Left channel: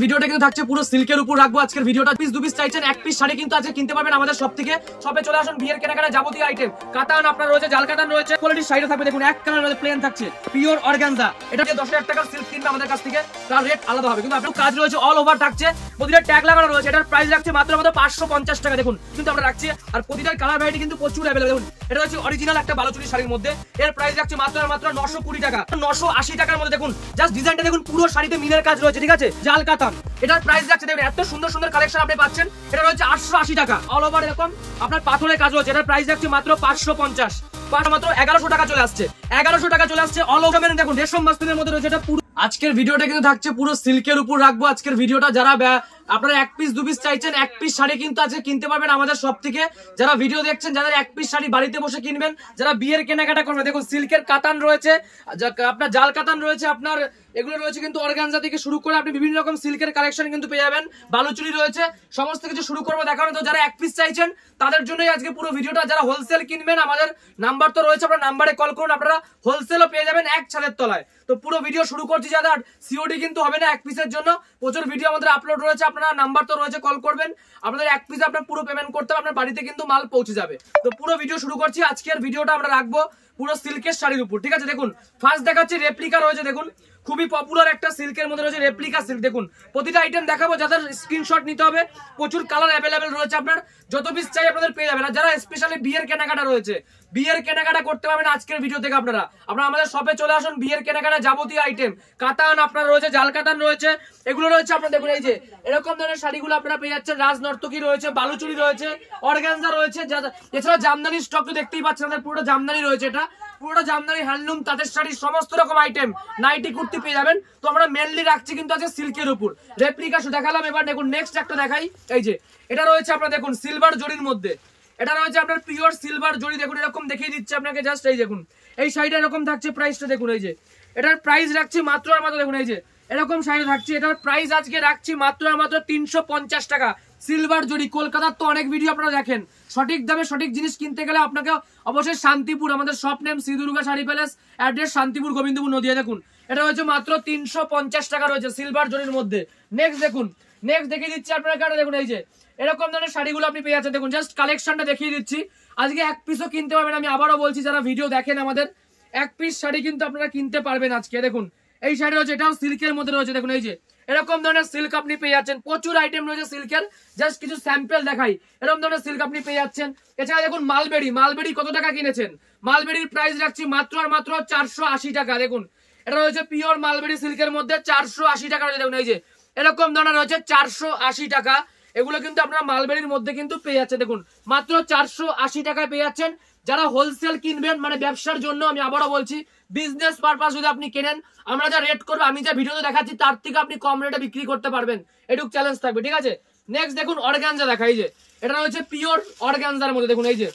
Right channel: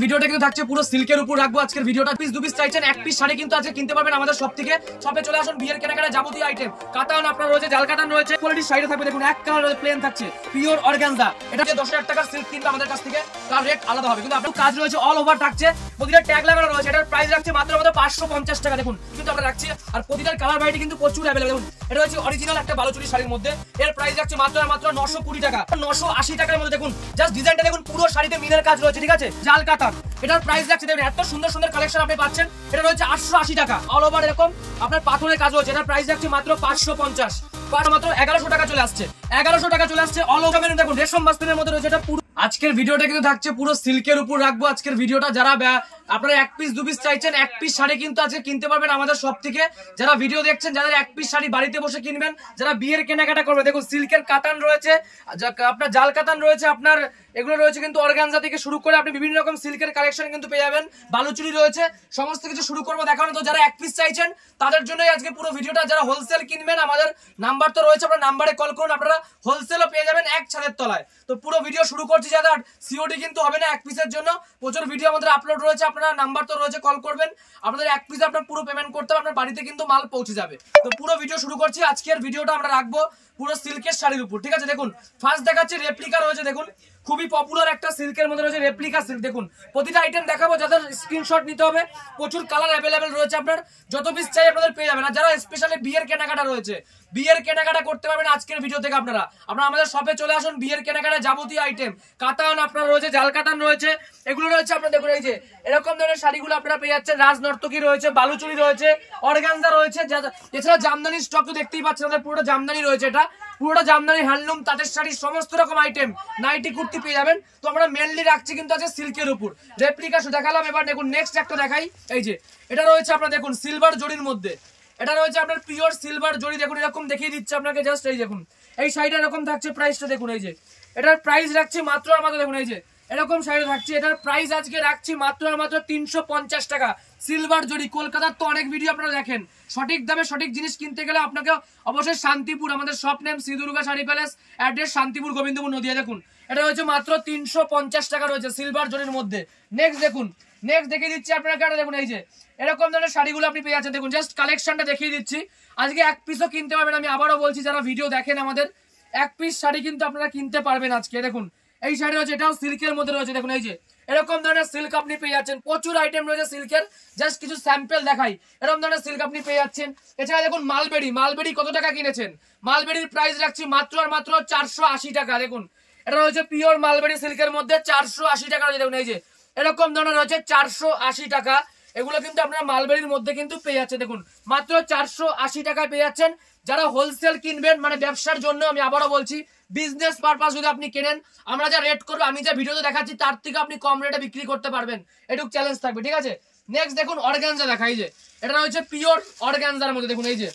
ভিডিওটা কিন্তু থাকছে পুরো সিল্কের উপর রাখবো আজকের ভিডিওটা। পিস দু পিস চাইছেন, এক পিস শাড়ি কিন্তু আছে, কিনতে পারবেন আমাদের সব থেকে। শপে চলে আসুন, বিয়ের কেনাকাটা যাবতীয় আইটেম, কাতান আপনার রয়েছে, জাল কাতান রয়েছে, কোয়ালিটির শাড়ি থাকবে। দেখুন এক কালার রয়েছে, প্লেন থাকছে, পিওর অর্গানজা। এটা 10,000 টাকার সিল্ক কিনবে আমাদের কাছ থেকে, তার রেট আলাদা হবে, কিন্তু আপনার কাজ রয়েছে অল ওভার থাকছে, প্রতিটা ট্যাগ লাগানো রয়েছে। এটার প্রাইস রাখছে মাত্র আমাদের 550 টাকা। দেখুন কিন্তু আমরা রাখছি, আর প্রতিটার কালার ভ্যারাইটি কিন্তু প্রচুর অ্যাভেলেবল। দেখুন এটা হচ্ছে অরিজিনাল একটা বালুচুরি শাড়ির মধ্যে, এর প্রাইস রাখছে মাত্র 920 টাকা, 980 টাকার মধ্যে। দেখুন জাস্ট ডিজাইনটা দেখুন, পুরো শাড়িতে মিনের কাজ রয়েছে, ঠিক আছে, জাল কাতান। এটার প্রাইস রাখছে দেখুন, এত সুন্দর সুন্দর কালেকশন আপনি পাচ্ছেন। এটা রয়েছে 880 টাকা, অল ওভার এরকম আপনার পাথরের কাজ রয়েছে। এটার প্রাইস রাখছে মাত্র 550, মাত্র 1100 টাকা চলে আসছে, 1100 টাকা চলে আসছে অল ওভার। দেখুন রেশম বাস্তবের মধ্যে রয়েছে। এটা পুরো আজকের ভিডিওটা কিন্তু থাকছে পুরো সিল্কের উপর রাখবো আজকের ভিডিওটা। যারা আপনারা এক পিস দু পিস চাইছেন, এক পিস শাড়ি কিন্তু আছে, কিনতে পারবেন আমাদের সব থেকে। যারা ভিডিও দেখছেন, যাদের এক পিস শাড়ি বাড়িতে বসে কিনবেন, যারা বিয়ের কেনাকাটা করবে, দেখুন সিল্কের কাতান রয়েছে, আপনার জাল কাতান রয়েছে, আপনার এগুলো রয়েছে কিন্তু অর্গানজা থেকে শুরু করে আপনি বিভিন্ন রকম সিল্কের কালেকশন কিন্তু পেয়ে যাবেন, বালুচুরি রয়েছে, সমস্ত কিছু শুরু করবো দেখানো। তো যারা এক পিস চাইছেন তাদের জন্যই আজকে পুরো ভিডিওটা। যারা হোলসেল কিনবেন, আমাদের নাম্বার তো রয়েছে, আপনার নাম্বারে কল করুন, আপনারা হোলসেলও পেয়ে যাবেন এক ছাদের তলায়। তো পুরো ভিডিও শুরু করছি, যারা সিওডি কিন্তু হবে না এক পিসের জন্য, প্রচুর ভিডিও আমাদের আপলোড রয়েছে, আপনারা নাম্বার তো রয়েছে, কল করবেন, আপনাদের এক পিসে আপনার পুরো পেমেন্ট করতে হবে, আপনার বাড়িতে কিন্তু মাল পৌঁছে যাবে। তো পুরো ভিডিও শুরু করছি, আজকের ভিডিওটা আমরা রাখবো পুরো সিল্কের শাড়ির উপর, ঠিক আছে। দেখুন ফার্স্ট দেখাচ্ছি রেপ্লিকা রয়েছে, দেখুন খুবই পপুলার একটা সিল্কের মধ্যে রয়েছে রেপ্লিকা সিল্ক। দেখুন প্রতিটা আইটেম দেখাবো, যাদের স্ক্রিনশট নিতে হবে, প্রচুর কালার অ্যাভেলেবেল রয়েছে, আপনার যত পিস চাই আপনাদের পেয়ে যাবেন। আর যারা স্পেশালি বিয়ের কেনাকাটা রয়েছে, বিয়ের কেনাকাটা করতে পারবেন আজকের ভিডিও থেকে। আপনারা আমাদের শপে চলে আসুন, বিয়ের কেনাকাটা যাবতীয় আইটেম, কাতান আপনার রয়েছে, জাল কাতান রয়েছে, এগুলো রয়েছে। আপনার দেখুন এই যে এরকম ধরনের শাড়িগুলো আপনারা পেয়ে যাচ্ছেন, রাজনর্তকী রয়েছে, বালুচুরি রয়েছে, অর্গানজা রয়েছে, এছাড়া জামদানি স্টক তো দেখতেই পাচ্ছেন, আমাদের পুরোটা জামদানি রয়েছে, এটা পুরোটা জামদানি হ্যান্ডলুম, তাঁতের শাড়ি, সমস্ত রকম আইটেম, নাইটি কুর্তি পেয়ে যাবেন। তো আমরা মেনলি রাখছি কিন্তু আছে সিল্কের উপর। রেপ্লিকা দেখালাম, এবার দেখুন নেক্সট একটা দেখাই। এই যে এটা রয়েছে আপনার দেখুন সিলভার জরির মধ্যে, এটা রয়েছে আপনার পিওর সিলভার জরি। দেখুন এরকম দেখিয়ে দিচ্ছে আপনাকে, জাস্ট এই দেখুন এই শাড়িটা এরকম থাকছে, প্রাইসটা দেখুন, এই যে এটার প্রাইস রাখছি মাত্র আর মাত্র, দেখুন এই যে এরকম শাড়ি থাকছে, এটার প্রাইস আজকে রাখছি মাত্র আর মাত্র 350 টাকা। সিলভার জরি, কলকাতার তো অনেক ভিডিও আপনারা দেখেন, সঠিক দামে সঠিক জিনিস কিনতে গেলে আপনাকে অবশ্যই শান্তিপুর, আমাদের shop name Shri Durga sari palace, address Shantipur Gobindapur Nadia. দেখুন এটা রয়েছে মাত্র 350 টাকা রয়েছে সিলভার জরির মধ্যে। নেক্সট দেখুন, নেক্সট দেখিয়ে দিচ্ছি আপনারা, দেখুন এই যে এরকম ধরনের শাড়িগুলো আপনি পেয়ে যাচ্ছেন। দেখুন জাস্ট কালেকশনটা দেখিয়ে দিচ্ছি, আজকে এক পিসও কিনতে পারবেন। আমি আবারও বলছি, যারা ভিডিও দেখেন আমাদের, এক পিস শাড়ি কিন্তু আপনারা কিনতে পারবেন আজকে। দেখুন এই শাড়ি রয়েছে, এটাও সিল্কের মধ্যে রয়েছে, দেখুন এই যে এরকম ধরনের সিল্ক আপনি পেয়ে যাচ্ছেন, প্রচুর আইটেম রয়েছে সিল্কের, জাস্ট কিছু স্যাম্পল দেখাই। এরকম ধরনের সিল্ক আপনি পেয়ে যাচ্ছেন। এছাড়া দেখুন মালবেরি, মালবেরি কত টাকা কিনেছেন, মালবেরির প্রাইস রাখছি মাত্র আর মাত্র 480 টাকা। দেখুন এটা রয়েছে পিওর মালবেরি সিল্কের মধ্যে, 480 টাকা রয়েছে। দেখুন এই যে এরকম ধরনের রয়েছে 480 টাকা, এগুলো কিন্তু আপনারা মালবেরির মধ্যে কিন্তু পেয়ে যাচ্ছেন। দেখুন মাত্র 480 টাকায় পেয়ে যাচ্ছেন। যারা হোলসেল কিনবেন, মানে ব্যবসার জন্য, আমি আবারও বলছি, বিজনেস পারপাস যদি আপনি কেনেন, আমরা যা রেট করবো, আমি যা ভিডিওতে দেখাচ্ছি, তার থেকে আপনি কম রেটে বিক্রি করতে পারবেন, এটুকু চ্যালেঞ্জ থাকবে, ঠিক আছে। নেক্সট দেখুন অর্গানজা দেখা, এই যে এটা রয়েছে পিওর অর্গানজার মধ্যে। দেখুন এই যে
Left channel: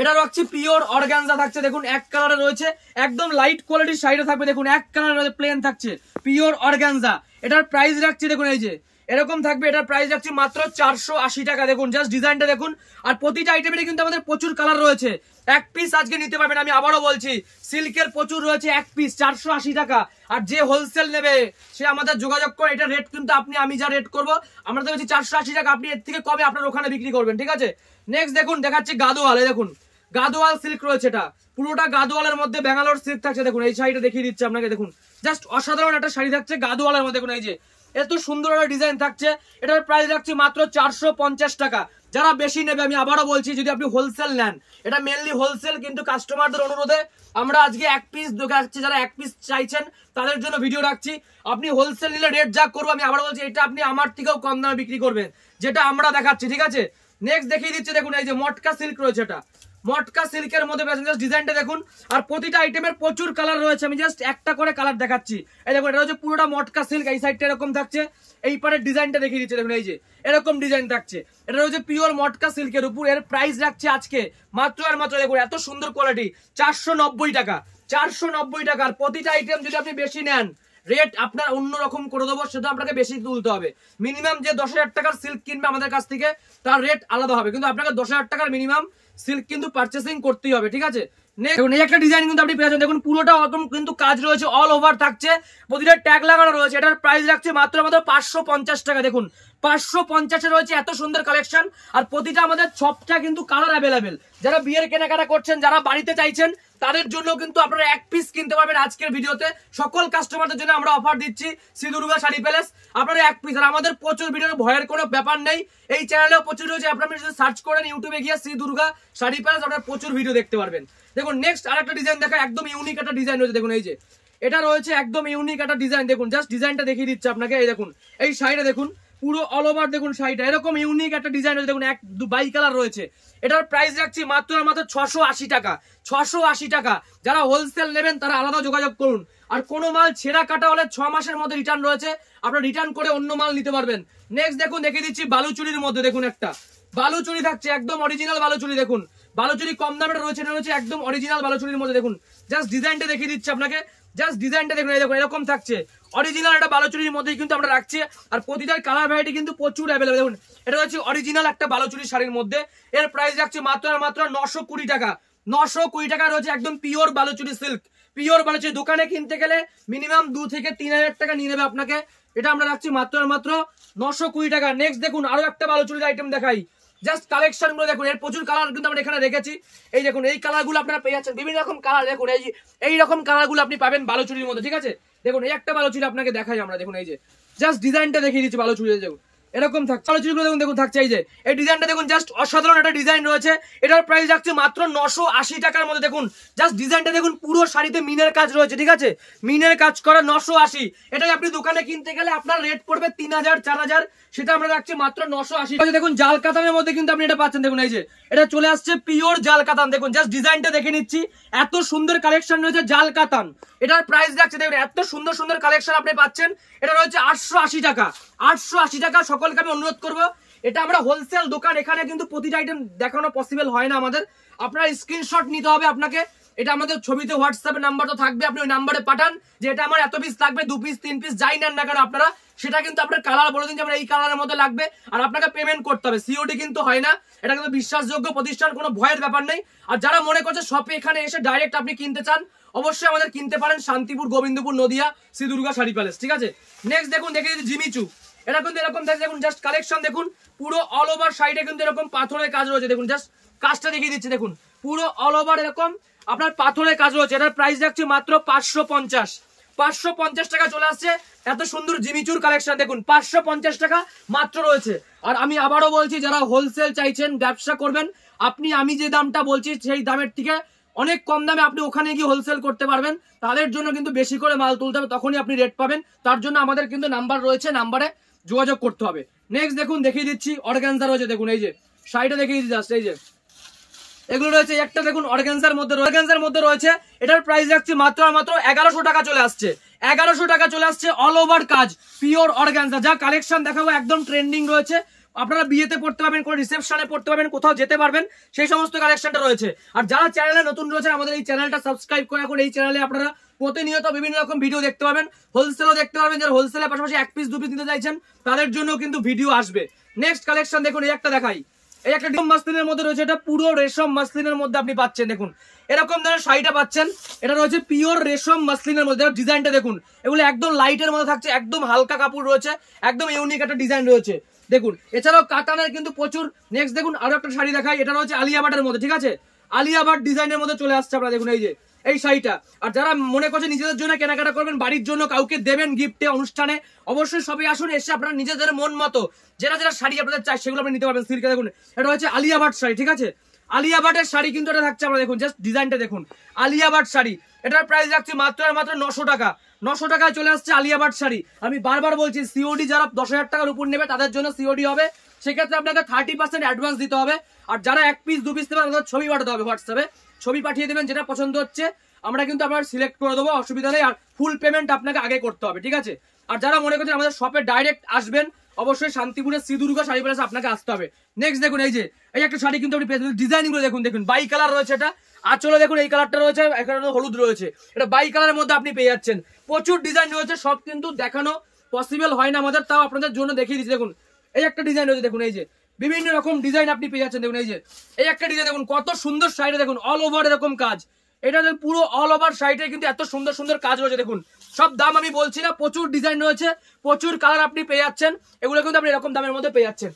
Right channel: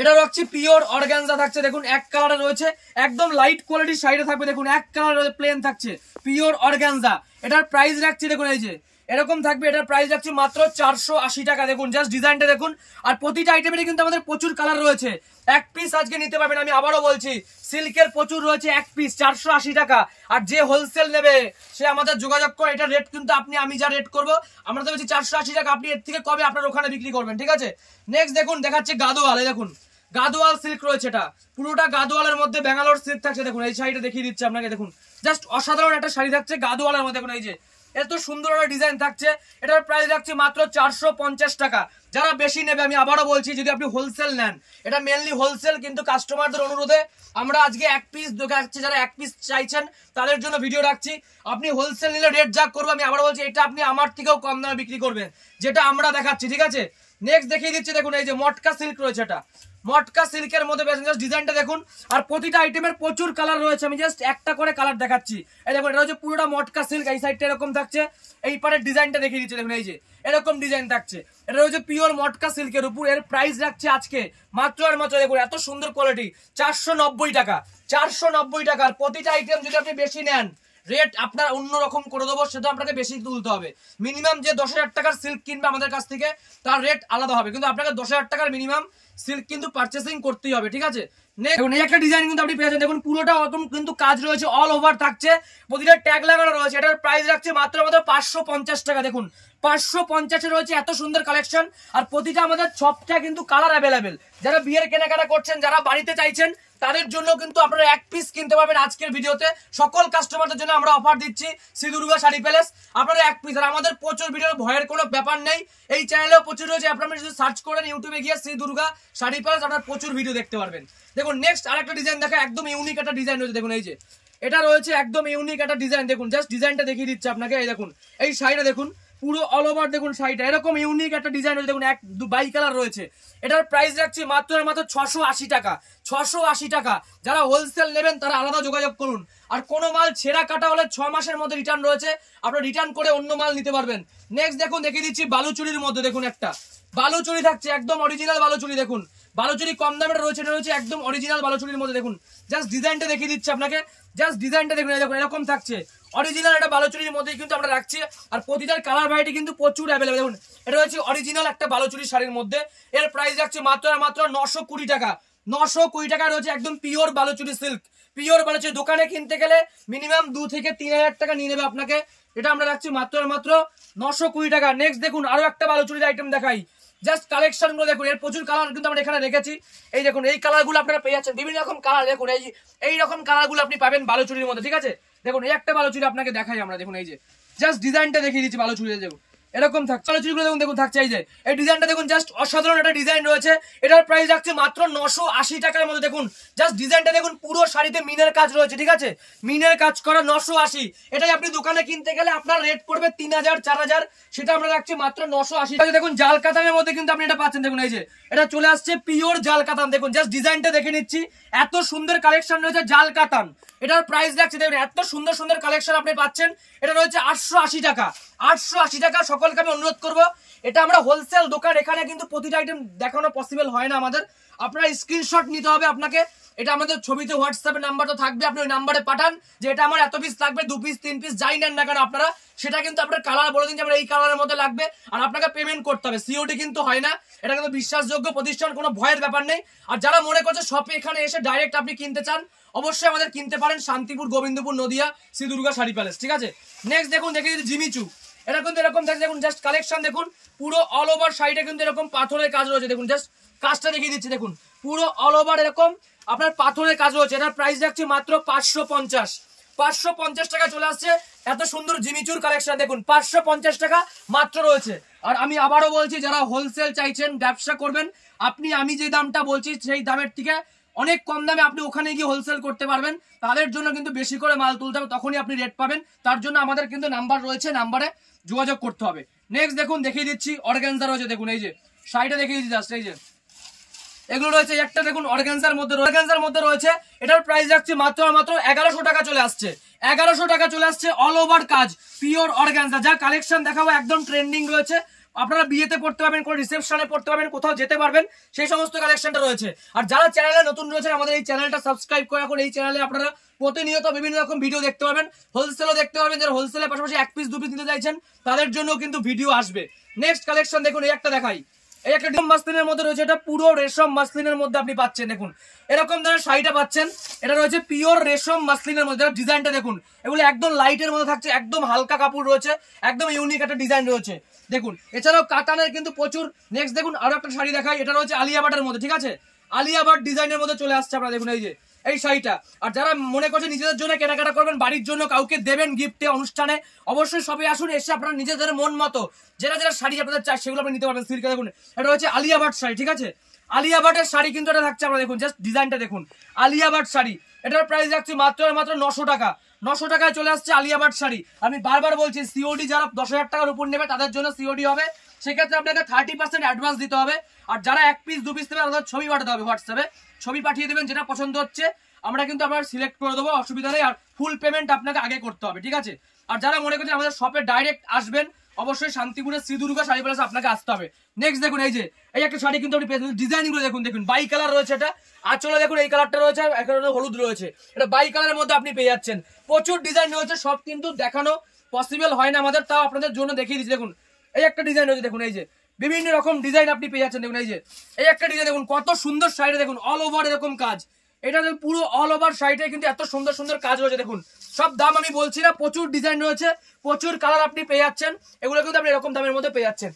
এটা রাখছি পিওর অর্গানজা থাকছে, দেখুন এক কালারে রয়েছে, একদম লাইট কোয়ালিটির শাড়িটা থাকবে। দেখুন এক কালারে প্লেন থাকছে, পিওর অর্গানজা। এটার প্রাইস রাখছি দেখুন এই যে এরকম থাকবে, এটার প্রাইস রাখছি মাত্র 480 টাকা। দেখুন জাস্ট ডিজাইনটা দেখুন, আর প্রতিটা আইটেমেরই কিন্তু আমাদের প্রচুর কালার রয়েছে। এক পিস আজকে নিতে পারবেন, আমি আবারও বলছি, সিল্কের প্রচুর রয়েছে, এক পিস 480 টাকা। আর যে হোলসেল নেবে সে আমাদের যোগাযোগ করে, এটা রেট কিন্তু আমি যা রেট করবো, আমরা তো বলছি 480 টাকা, আপনি এর থেকে কবে আপনার ওখানে বিক্রি করবেন, ঠিক আছে। নেক্সট দেখুন দেখাচ্ছে গাদোয়াল, দেখুন গাদোয়াল সিল্ক রয়েছে, এটা পুরোটা গাদোয়ালের মধ্যে ব্যাঙ্গালোর সিল্ক থাকছে। দেখুন এই শাড়িটা দেখিয়ে দিচ্ছে আপনাকে, দেখুন জাস্ট অসাধারণ একটা শাড়ি থাকছে গাদোয়ালের মধ্যে। দেখুন এই যে এত সুন্দর একটা ডিজাইন থাকছে, এটার প্রাইস রাখছি মাত্র 450 টাকা। যারা বেশি নেবে, আমি আবারও বলছি, যদি আপনি হোলসেল নেন, এটা মেনলি হোলসেল, কিন্তু কাস্টমারদের অনুরোধে আমরা আজকে এক পিস দেখাচ্ছি। যারা এক পিস চাইছেন তাদের জন্য ভিডিও রাখছি। আপনি হোলসেল নিলে রেট যা করবো, আমি আবারও বলছি, এটা আপনি আমার থেকেও কম দামে বিক্রি করবেন, যেটা আমরা দেখাচ্ছি, ঠিক আছে। নেক্সট দেখিয়ে দিচ্ছি, দেখুন এই যে মটকা সিল্ক রয়েছে, এটা মটকা সিল্কের মধ্যে ডিজাইনটা দেখুন, আর প্রতিটা আইটেমের প্রচুর কালার রয়েছে, আমি জাস্ট একটা করে কালার দেখাচ্ছি। এই দেখুন এটা হচ্ছে পুরোটা মটকা সিল্ক, এই সাইডটা এরকম থাকছে, এই পারের ডিজাইনটা দেখিয়ে দিচ্ছে, দেখুন এই যে এরকম ডিজাইন থাকছে, এটা হচ্ছে পিওর মটকা সিল্কের উপর। এর প্রাইস রাখছে আজকে মাত্র আর মাত্র, দেখুন এত সুন্দর কোয়ালিটি, 490 টাকা, 490 টাকার প্রতিটা আইটেম। যদি আপনি বেশি নেন, রেট আপনার অন্যরকম করে দেবো, সেটা আপনাকে বেশি তুলতে হবে। মিনিমাম যে 10,000 টাকার সিল্ক কিনবে আমাদের কাছ থেকে তার রেট আলাদা হবে, কিন্তু আপনাকে 10,000 টাকার মিনিমাম সিল্ক কিন্তু পারচেসিং করতেই হবে, ঠিক আছে। দেখুন এই একটা ডিজাইন কিন্তু আপনি পেয়ে যাচ্ছেন, দেখুন পুরোটা একদম কিন্তু কাজ রয়েছে, অল ওভার থাকছে, প্রতিটা ট্যাগ লাগানো রয়েছে। এটার প্রাইস রাখছে মাত্র 550 টাকা। দেখুন 550 রয়েছে এত সুন্দর কালেকশন, আর প্রতিটা আমাদের সবটা কিন্তু কালার অ্যাভেলেবেল। যারা বিয়ের কেনাকাটা করছেন, যারা বাড়িতে চাইছেন, তাদের জন্য কিন্তু আপনারা এক পিস কিনতে পারবেন আজকের ভিডিওতে। সকল কাস্টমারদের জন্য আমরা অফার দিচ্ছি শ্রী দুর্গা শাড়ি প্যালেস, আপনারা এক পিস। আর আমাদের প্রচুর ভিডিওর ভয়ের কোনো ব্যাপার নেই, এই চ্যানেলেও প্রচুর রয়েছে, আপনারা যদি সার্চ করেন ইউটিউবে গিয়ে শ্রী দুর্গা শাড়ি প্যালেস, আপনারা প্রচুর ভিডিও দেখতে পারবেন। দেখুন নেক্সট আরেকটা ডিজাইন দেখা, একদম ইউনিক একটা ডিজাইন রয়েছে। দেখুন এই যে এটা রয়েছে একদম ইউনিক একটা ডিজাইন, দেখুন জাস্ট ডিজাইনটা দেখিয়ে দিচ্ছে আপনাকে। এই দেখুন এই শাড়িটা দেখুন পুরো অল ওভার, দেখুন শাড়িটা এরকম ইউনিক একটা ডিজাইন রয়েছে। দেখুন বাই কালার রয়েছে। এটার প্রাইস রাখছি মাত্র 680 টাকা। 680 টাকা। যারা হোলসেল নেবেন তারা আলাদা যোগাযোগ করুন। আর কোনো মাল ছেঁড়া কাটা হলে 6 মাসের মধ্যে রিটার্ন রয়েছে, আপনারা রিটার্ন করে অন্য মাল নিতে পারবেন। নেক্সট দেখুন দেখিয়ে দিচ্ছি বালুচুরির মধ্যে, দেখুন একটা বালুচুরি থাকছে, একদম অরিজিনাল বালুচুরি। দেখুন বালুচুরি কম দামের রয়েছে, এটা রয়েছে একদম অরিজিনাল বালুচুরির মধ্যে। দেখুন জাস্ট ডিজাইনটা দেখিয়ে দিচ্ছি আপনাকে, জাস্ট ডিজাইনটা দেখুন, দেখুন এরকম থাকছে অরিজিনাল একটা বালুচুরির মধ্যে কিন্তু আমরা রাখছি। আর প্রতিটার কালার ভ্যারাইটি কিন্তু প্রচুর অ্যাভেলেবেল। দেখুন এটা হচ্ছে অরিজিনাল একটা বালুচুরি শাড়ির মধ্যে, এর প্রাইস রাখছে মাত্র 920 টাকা। 920 টাকা রয়েছে, একদম pure Baluchari silk, pure Baluchari. দোকানে কিনতে গেলে মিনিমাম 2 থেকে 3,000 টাকা নিয়ে নেবে আপনাকে, এটা আমরা রাখছি মাত্র 920 টাকা। নেক্সট দেখুন আরো একটা বালুচুরির আইটেম দেখাই, জাস্ট কালেকশন গুলো দেখুন, এর প্রচুর কালার কিন্তু আমরা এখানে রেখেছি। এই দেখুন এই কালার গুলো আপনারা পেয়ে যাচ্ছেন, বিভিন্ন রকম কালার। দেখুন এই রকম কালার গুলো আপনি পাবেন বালুচুরির মধ্যে, ঠিক আছে। দেখুন এই একটা বালুচুরি আপনাকে দেখাই আমরা, দেখুন এই যে জাস্ট ডিজাইনটা দেখিয়ে দিচ্ছি বালুচুরি। দেখুন এরকম থাকছে বালুচুরিগুলো, দেখুন দেখুন থাকছে এই যে এই ডিজাইনটা দেখুন, জাস্ট অসাধারণ একটা ডিজাইন রয়েছে। এটার প্রাইস রাখছে মাত্র 980 টাকার মধ্যে। দেখুন জাস্ট ডিজাইনটা দেখুন, পুরো শাড়িতে মিনের কাজ রয়েছে, ঠিক আছে, মিনের কাজ করা 980। এটাই আপনি দোকানে কিনতে গেলে আপনার রেট পড়বে 3,000 4,000, সেটা আমরা রাখছি মাত্র 980। দেখুন জাল কাতানের মধ্যে কিন্তু আপনি এটা পাচ্ছেন। দেখুন এই যে এটা চলে আসছে পিওর জাল কাতান। দেখুন জাস্ট ডিজাইনটা দেখে নিচ্ছি, এত সুন্দর কালেকশন রয়েছে জাল কাতান। এটার প্রাইস রাখছে, দেখুন এত সুন্দর সুন্দর কালেকশন আপনি পাচ্ছেন। এটা রয়েছে 880 টাকা। 880 টাকা। সকলকে আমি অনুরোধ করবো, এটা আমরা হোলসেল দোকান, এখানে কিন্তু প্রতিটা আইটেম দেখানো পসিবল হয় না আমাদের। আপনার স্ক্রিনশট নিতে হবে আপনাকে, এটা আমাদের ছবিতে হোয়াটসঅ্যাপে নাম্বার তো থাকবে, আপনি ওই নাম্বারে পাঠান যে এটা আমার এত পিস লাগবে, 2 পিস 3 পিস যাই নেন না কেন আপনারা, সেটা কিন্তু আপনার কালার বলে দিন যে আমার এই কালারের মধ্যে লাগবে, আর আপনাকে পেমেন্ট করতে হবে। সিওডি কিন্তু হয় না, এটা কিন্তু বিশ্বাসযোগ্য প্রতিষ্ঠান, কোনো ভয়ের ব্যাপার নেই। আর যারা মনে করছে শপে এখানে এসে ডাইরেক্ট আপনি কিনতে চান, অবশ্যই আমাদের কিনতে পারেন, শান্তিপুর, গোবিন্দপুর, নদিয়া, শ্রী দুর্গা শাড়ি প্যালেস, ঠিক আছে। নেক্সট দেখুন দেখে জিমিচু, এটা কিন্তু এরকম দেখুন জাস্ট কালেকশন দেখুন, পুরো অল ওভার সাইডে কিন্তু এরকম পাথরের কাজ রয়েছে। দেখুন জাস্ট কাজটা দেখিয়ে দিচ্ছি, দেখুন পুরো অল ওভার এরকম আপনার পাথরের কাজ রয়েছে। এটার প্রাইস রাখছে মাত্র 550। 550 টাকা চলে আসছে এত সুন্দর জিমিচুর কালেকশন। দেখুন 550 টাকা মাত্র রয়েছে। আর আমি আবারও বলছি, যারা হোলসেল চাইছেন, ব্যবসা করবেন, আমি যে দামটা বলছি সেই দামের থেকে অনেক কম দামে আপনি ওখানে গিয়ে হোলসেল করতে পারবেন, তাদের জন্য কিন্তু বেশি করে মাল তুলতে হবে, তখনই আপনি রেট পাবেন। তার জন্য আমাদের কিন্তু নাম্বার রয়েছে, নাম্বারে যোগাযোগ করতে হবে। নেক্সট দেখুন দেখিয়ে দিচ্ছি অর্গানজা রয়েছে। দেখুন এই যে শাড়িটা দেখিয়ে দিচ্ছি, জাস্ট এই যে এগুলো রয়েছে। একটা দেখুন অর্গানজার মধ্যে রয়েছে, এটার প্রাইস রাখছি মাত্র 1100 টাকা চলে আসছে। 1100 টাকা চলে আসছে, অল ওভার কাজ, পিওর অর্গানজা। যা কালেকশন দেখাবো একদম ট্রেন্ডিং রয়েছে, আপনারা বিয়েতে পড়তে পারবেন, কোনো রিসেপশনে পড়তে পারবেন, কোথাও যেতে পারবেন, সেই সমস্ত কালেকশনটা রয়েছে। আর যারা চ্যানেলে নতুন রয়েছেন, আমাদের এই চ্যানেলটা সাবস্ক্রাইব করে এখন এই চ্যানেলে আপনারা প্রতিনিয়ত বিভিন্ন রকম ভিডিও দেখতে পাবেন, হোলসেলও দেখতে পারবেন। যারা হোলসেলের পাশাপাশি 1 পিস 2 পিস নিতে চাইছেন, তাদের জন্য কিন্তু ভিডিও আসবে। নেক্সট কালেকশন দেখুন, এই একটা দেখাই, এই একটা রেশম মাসলিনের মধ্যে রয়েছে, এটা পুরো রেশম মাসলিনের মধ্যে আপনি পাচ্ছেন। দেখুন এরকম ধরনের শাড়িটা পাচ্ছেন, এটা রয়েছে পিওর রেশম মাসলিনের মধ্যে। ডিজাইনটা দেখুন, এগুলো একদম লাইটের মধ্যে থাকছে, একদম হালকা কাপড় রয়েছে, একদম ইউনিক একটা ডিজাইন রয়েছে। দেখুন এছাড়াও কাতানের কিন্তু প্রচুর। নেক্সট দেখুন আরো একটা শাড়ি দেখাই, এটা রয়েছে আলিয়া ভাটের মধ্যে, ঠিক আছে, আলিয়া ভাট ডিজাইনের মধ্যে চলে আসছে আপনারা। দেখুন এই যে এই শাড়িটা। আর যারা মনে করছে নিজেদের জন্য কেনাকাটা করবেন, বাড়ির জন্য কাউকে দেবেন গিফটে, অনুষ্ঠানে, অবশ্যই সবাই আসুন, এসে আপনারা নিজেদের মন মতো যেটা যেটা শাড়ি আপনাদের চাই সেগুলো আপনি নিতে পারবেন সিল্কে। দেখুন এটা হচ্ছে আলিয়া ভাট শাড়ি, ঠিক আছে, আলিয়া ভাটের শাড়ি কিন্তু এটা থাকছে। আমরা দেখুন জাস্ট ডিজাইনটা দেখুন, আলিয়া ভাট শাড়ি, এটার প্রাইস রাখছি মাত্র 900 টাকা। 900 টাকায় চলে আসছে আলিয়া ভাট শাড়ি। আমি বারবার বলছি, সিওডি যারা 10,000 টাকার উপর নেবে তাদের জন্য সিওডি হবে, সেক্ষেত্রে আপনাকে 30% অ্যাডভান্স দিতে হবে। আর যারা 1 পিস 2 পিস নেবে তাদের ছবি পাঠাতে হবে, হোয়াটসঅ্যাপে ছবি পাঠিয়ে দেবেন, যেটা পছন্দ হচ্ছে আমরা কিন্তু আপনার সিলেক্ট করে দেবো, অসুবিধা নেই। আর ফুল পেমেন্ট আপনাকে আগে করতে হবে, ঠিক আছে। আর যারা মনে করছেন আমাদের শপে ডাইরেক্ট আসবেন, অবশ্যই শান্তিপুরের শ্রী দুর্গা শাড়ি প্যালেসে আপনাকে আসতে হবে। নেক্সট দেখুন এই যে এই একটা শাড়ি কিন্তু আপনি পেয়ে যাচ্ছেন, ডিজাইন গুলো দেখুন, দেখুন বাই কালার রয়েছে, এটা আঁচলে দেখুন এই কালারটা রয়েছে, এখানে হলুদ রয়েছে, এটা বাই কালারের মধ্যে আপনি পেয়ে যাচ্ছেন। প্রচুর ডিজাইন রয়েছে, সব কিন্তু দেখানো পসিবল হয় না আমাদের, তাও আপনাদের জন্য দেখিয়ে দিচ্ছি। দেখুন এই একটা ডিজাইন রয়েছে, দেখুন এই যে বিভিন্ন রকম ডিজাইন আপনি পেয়ে যাচ্ছেন। দেখুন এই যে এই একটা ডিজাইন দেখুন, কত সুন্দর শাড়িটা দেখুন, অল ওভার এরকম কাজ, এটা পুরো অল ওভার শাড়িটা কিন্তু এত সুন্দর সুন্দর কাজ রয়েছে। দেখুন সব দাম আমি বলছি না, প্রচুর ডিজাইন রয়েছে, প্রচুর কালার আপনি পেয়ে যাচ্ছেন, এগুলো কিন্তু আপনি এরকম দামের মধ্যে পেয়ে যাচ্ছেন।